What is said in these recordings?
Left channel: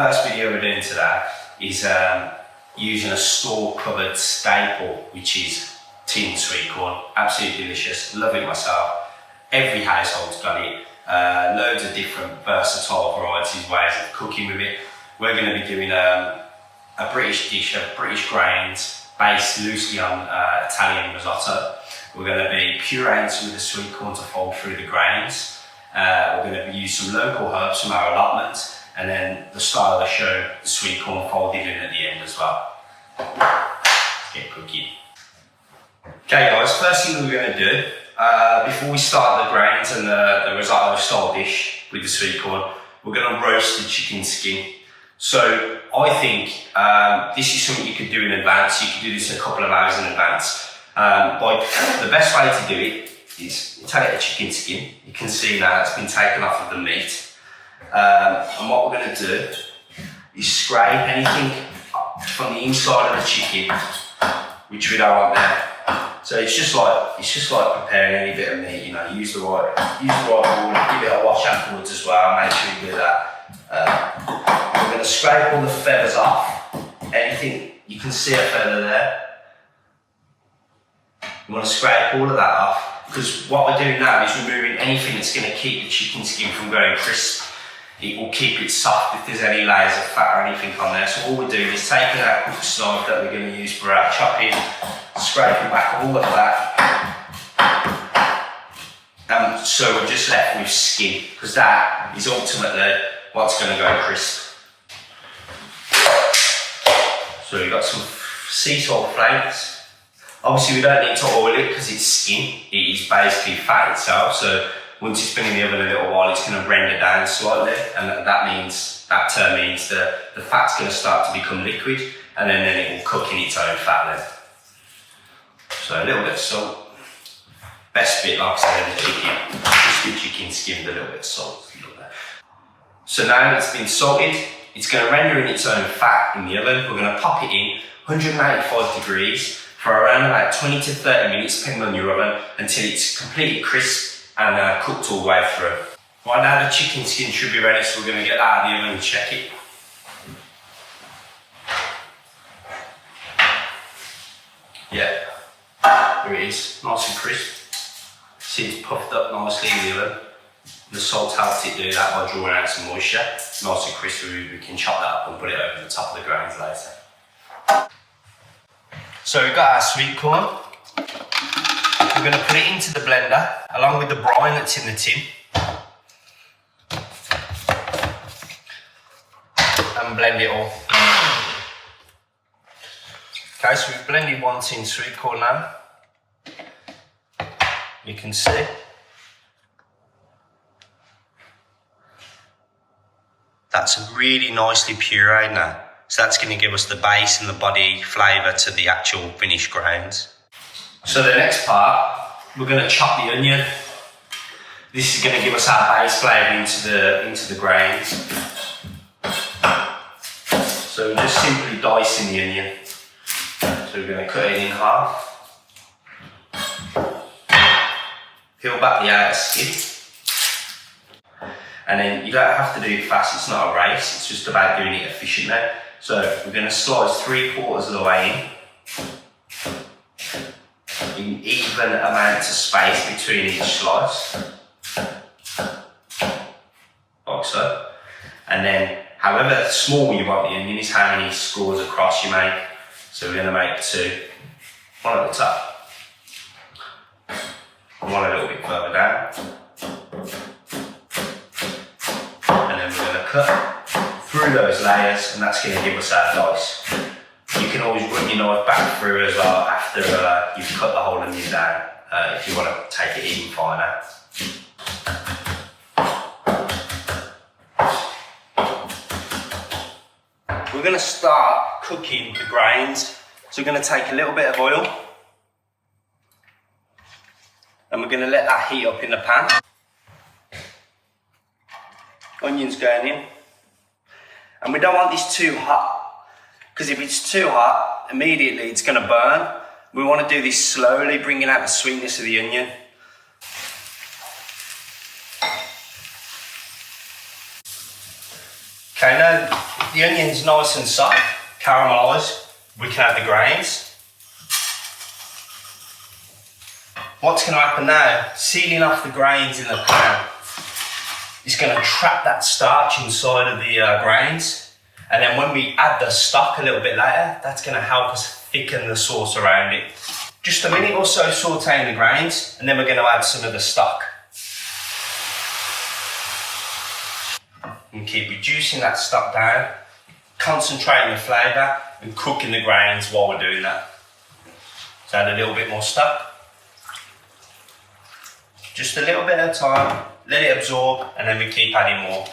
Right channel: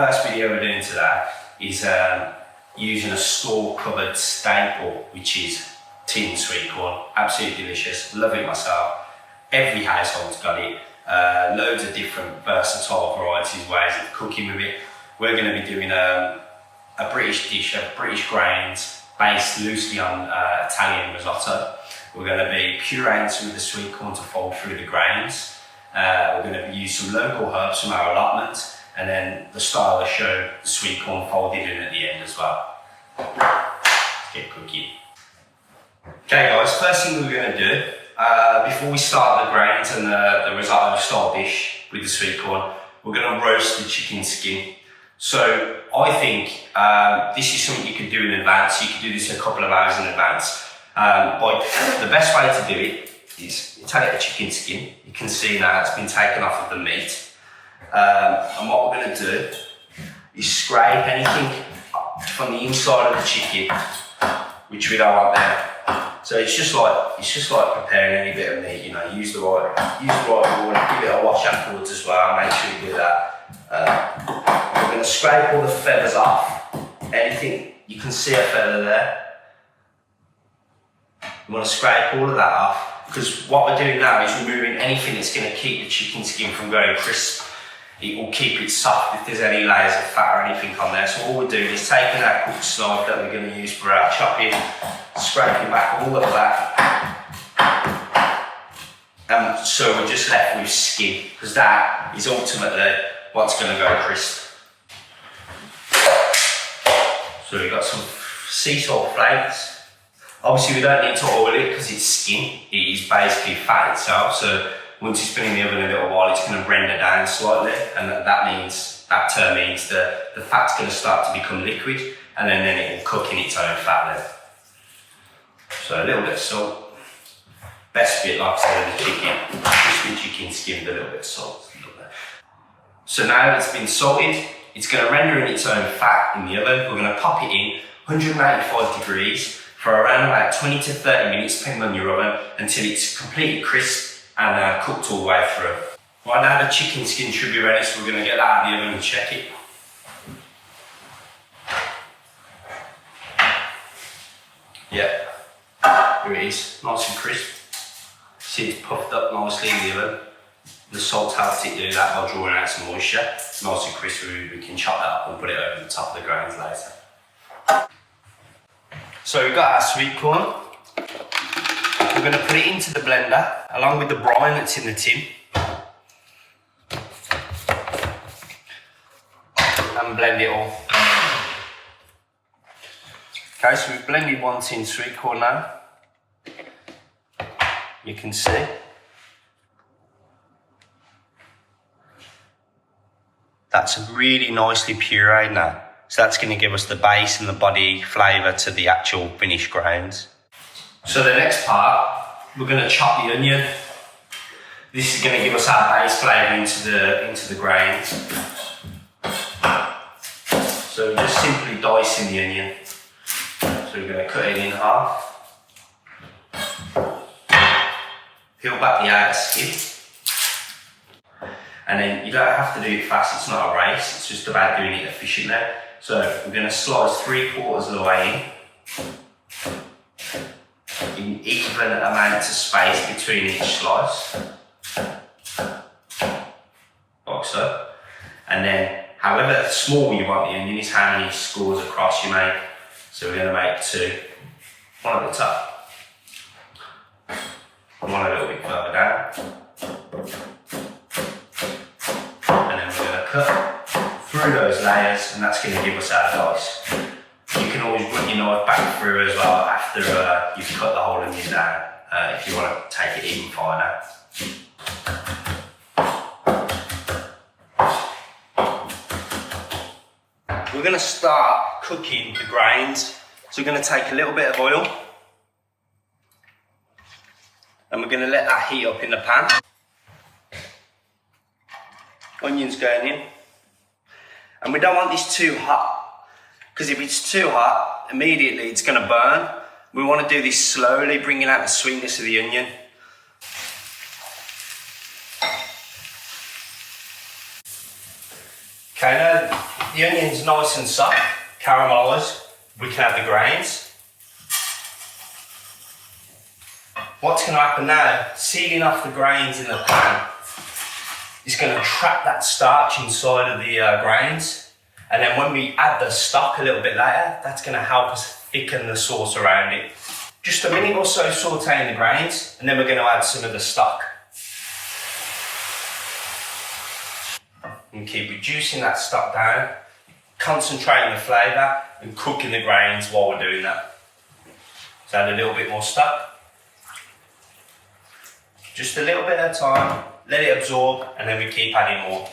First video we're doing today is using a store-cupboard staple, which is tin sweet corn. Absolutely delicious, love it myself. Every household's got it. Loads of different versatile varieties, ways of cooking with it. We're going to be doing a British dish of British grains based loosely on Italian risotto. We're going to be pureeing some of the sweet corn to fold through the grains. We're going to use some local herbs from our allotment, and then the style of the show, the sweet corn folded in at the end as well. Let's get cooking. Okay guys, first thing we're going to do, before we start the grains and the risotto style dish with the sweet corn, we're going to roast the chicken skin. So I think this is something you could do in advance. You could do this a couple of hours in advance. But the best way to do it is you take the chicken skin. You can see now it's been taken off of the meat. And what we're going to do is scrape anything from the inside of the chicken, which we don't want there. So it's just like preparing any bit of meat. You know, use the right water, give it a wash afterwards as well. Make sure you do that. We're going to scrape all the feathers off. Anything you can see a feather there. You want to scrape all of that off, because what we're doing now is removing anything that's going to keep the chicken skin from going crisp. It will keep it soft if there's any layers of fat or anything on there. So all we're doing is taking our cooked knife that we're going to use for our chopping, scraping back all of that. So we're just left with skin, because that is ultimately what's going to go crisp. So we've got some sea salt flakes. Obviously we don't need to oil it because it's skin. It is basically fat itself. So once it's been in the oven a little while, it's going to render down slightly, and that means the fat's going to start to become liquid, and then it will cook in its own fat then. So a little bit of salt. Best bit, like I said, of the chicken. Just the chicken skin with a little bit of salt. So now it's been salted, it's going to render in its own fat in the oven. We're going to pop it in 185 degrees for around about 20 to 30 minutes, depending on your oven, until it's completely crisp and cooked all the way through. Right now the chicken skin should be ready, so we're going to get that out of the oven and check it. Yeah, here it is, nice and crisp. See, it's puffed up nicely in the oven. The salt helps it do that by drawing out some moisture. Nice and crispy. We can chop that up and put it over the top of the grains later. So we've got our sweet corn. We're going to put it into the blender along with the brine that's in the tin and blend it all. Okay, so we've blended one tin sweet corn now. You can see. That's really nicely pureed now. So that's going to give us the base and the body flavour to the actual finished grains. So the next part, we're going to chop the onion. This is going to give us our base flavour into the grains. So we're just simply dicing the onion. So we're going to cut it in half. Peel back the outer skin. And then you don't have to do it fast, it's not a race, it's just about doing it efficiently. So we're going to slice 3/4 of the way in even amounts of space between each slice, like so. And then however small you want the onion is how many scores across you make. So we're going to make 2, one at the top, and one a little bit further down. And then we're going to cut through those layers, and that's going to give us our dice. You can always run your knife back through as well after you've cut the whole onion down, if you want to take it even finer. We're going to start cooking the grains. So we're going to take a little bit of oil, and we're going to let that heat up in the pan. Onions going in. And we don't want this too hot, because if it's too hot, immediately it's going to burn. We want to do this slowly, bringing out the sweetness of the onion. Okay, now the onion's nice and soft, caramelised, we can add the grains. What's going to happen now, sealing off the grains in the pan, is going to trap that starch inside of the grains. And then when we add the stock a little bit later, that's going to help us thicken the sauce around it. Just a minute or so sauteing the grains, and then we're going to add some of the stock. And keep reducing that stock down, concentrating the flavour and cooking the grains while we're doing that. So add a little bit more stock. Just a little bit at a time, let it absorb, and then we keep adding more.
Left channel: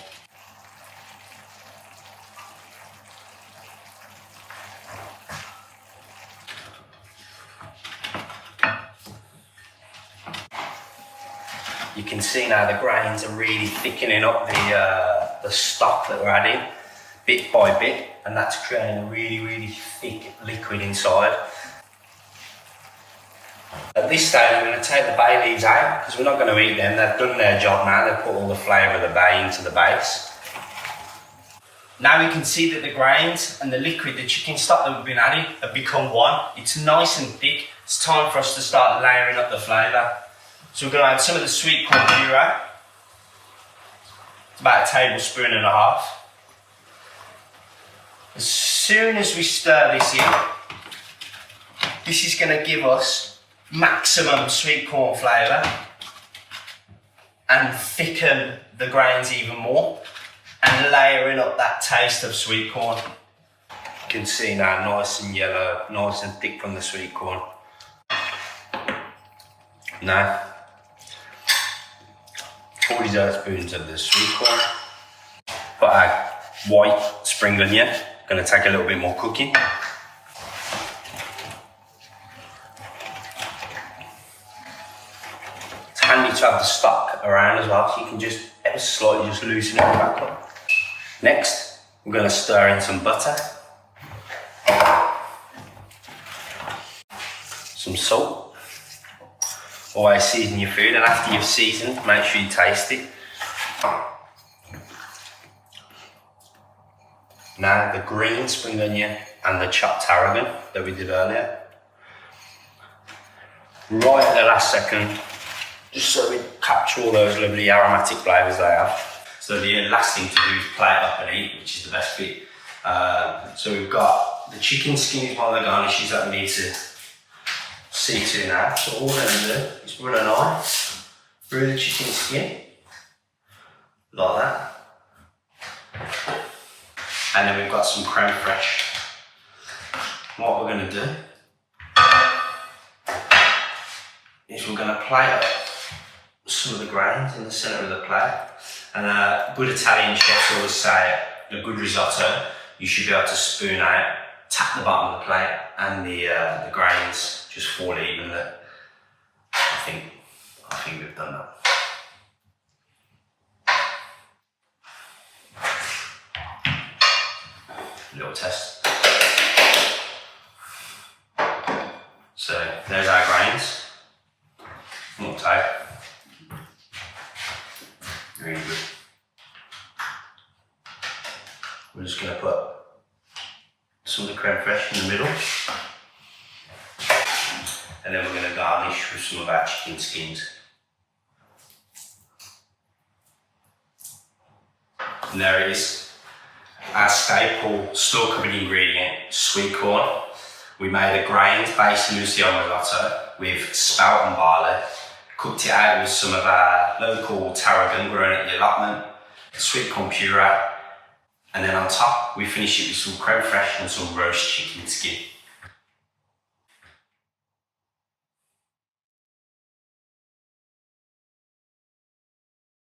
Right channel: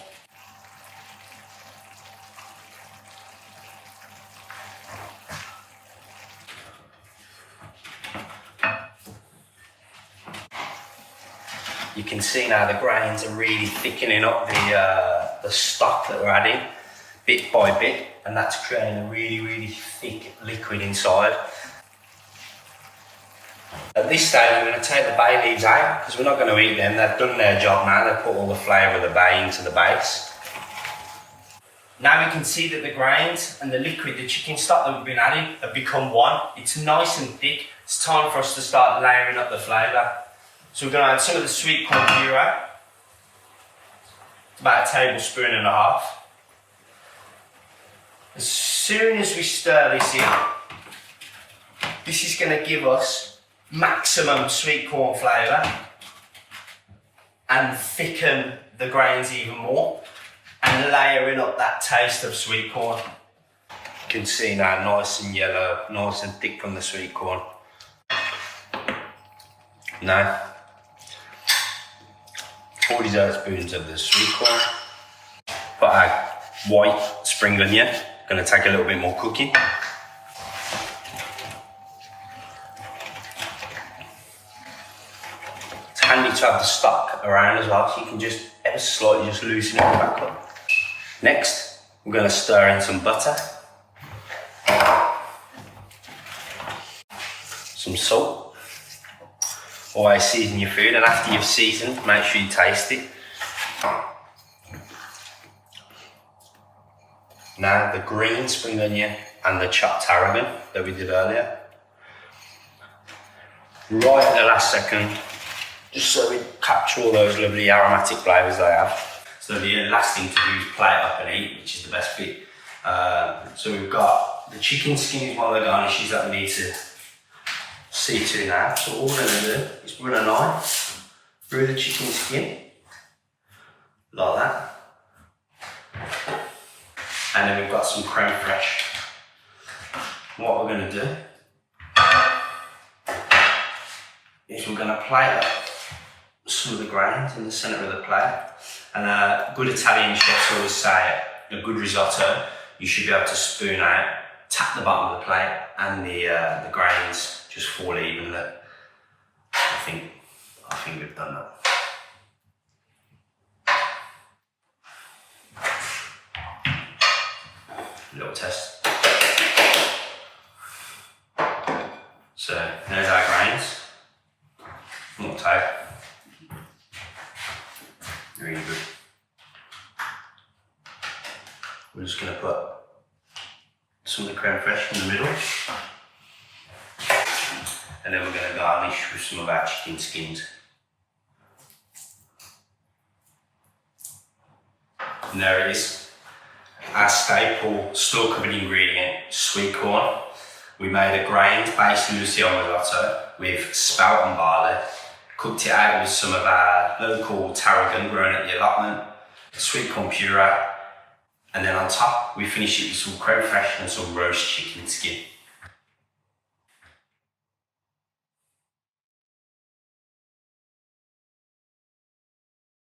You can see now the grains are really thickening up the stock that we're adding bit by bit, and that's creating a really thick liquid inside. At this stage I'm going to take the bay leaves out because we're not going to eat them, they've done their job now, they've put all the flavour of the bay into the base. Now we can see that the grains and the liquid, the chicken stock that we've been adding, have become one. It's nice and thick, it's time for us to start layering up the flavour. So we're going to add some of the sweet corn puree, it's about 1.5 tablespoons. As soon as we stir this in, this is going to give us maximum sweet corn flavour and thicken the grains even more and layering up that taste of sweet corn. You can see now nice and yellow, nice and thick from the sweet corn. Now 4 dessert spoons of the sweet corn. Put our white spring onion, going to take a little bit more cooking. It's handy to have the stock around as well, so you can just ever slightly just loosen it back up. Next, we're going to stir in some butter, some salt. Always season your food, and after you've seasoned, make sure you taste it. Now the green spring onion and the chopped tarragon that we did earlier. Right at the last second, just so we capture all those lovely aromatic flavours they have. So the last thing to do is plate up and eat, which is the best bit. So we've got the chicken skins, one of the garnishes that we need to see to now. So all we're going to do is run a knife through the chicken skin, like that. And then we've got some creme fraiche. What we're going to do is we're going to plate up some of the grains in the centre of the plate. And good Italian chefs always say a good risotto, you should be able to spoon out, tap the bottom of the plate, and the grains just fall evenly. I think we've done that. Little test. So there's our grains. Not tight. Really good. We're just going to put some of the creme fraiche in the middle. And then we're going to garnish with some of our chicken skins. And there it is. Our staple store-cupboard ingredient, sweet corn. We made a grain-based Lucerne risotto with spelt and barley. Cooked it out with some of our local tarragon grown at the allotment, sweet corn puree, and then on top we finish it with some creme fraiche and some roast chicken skin.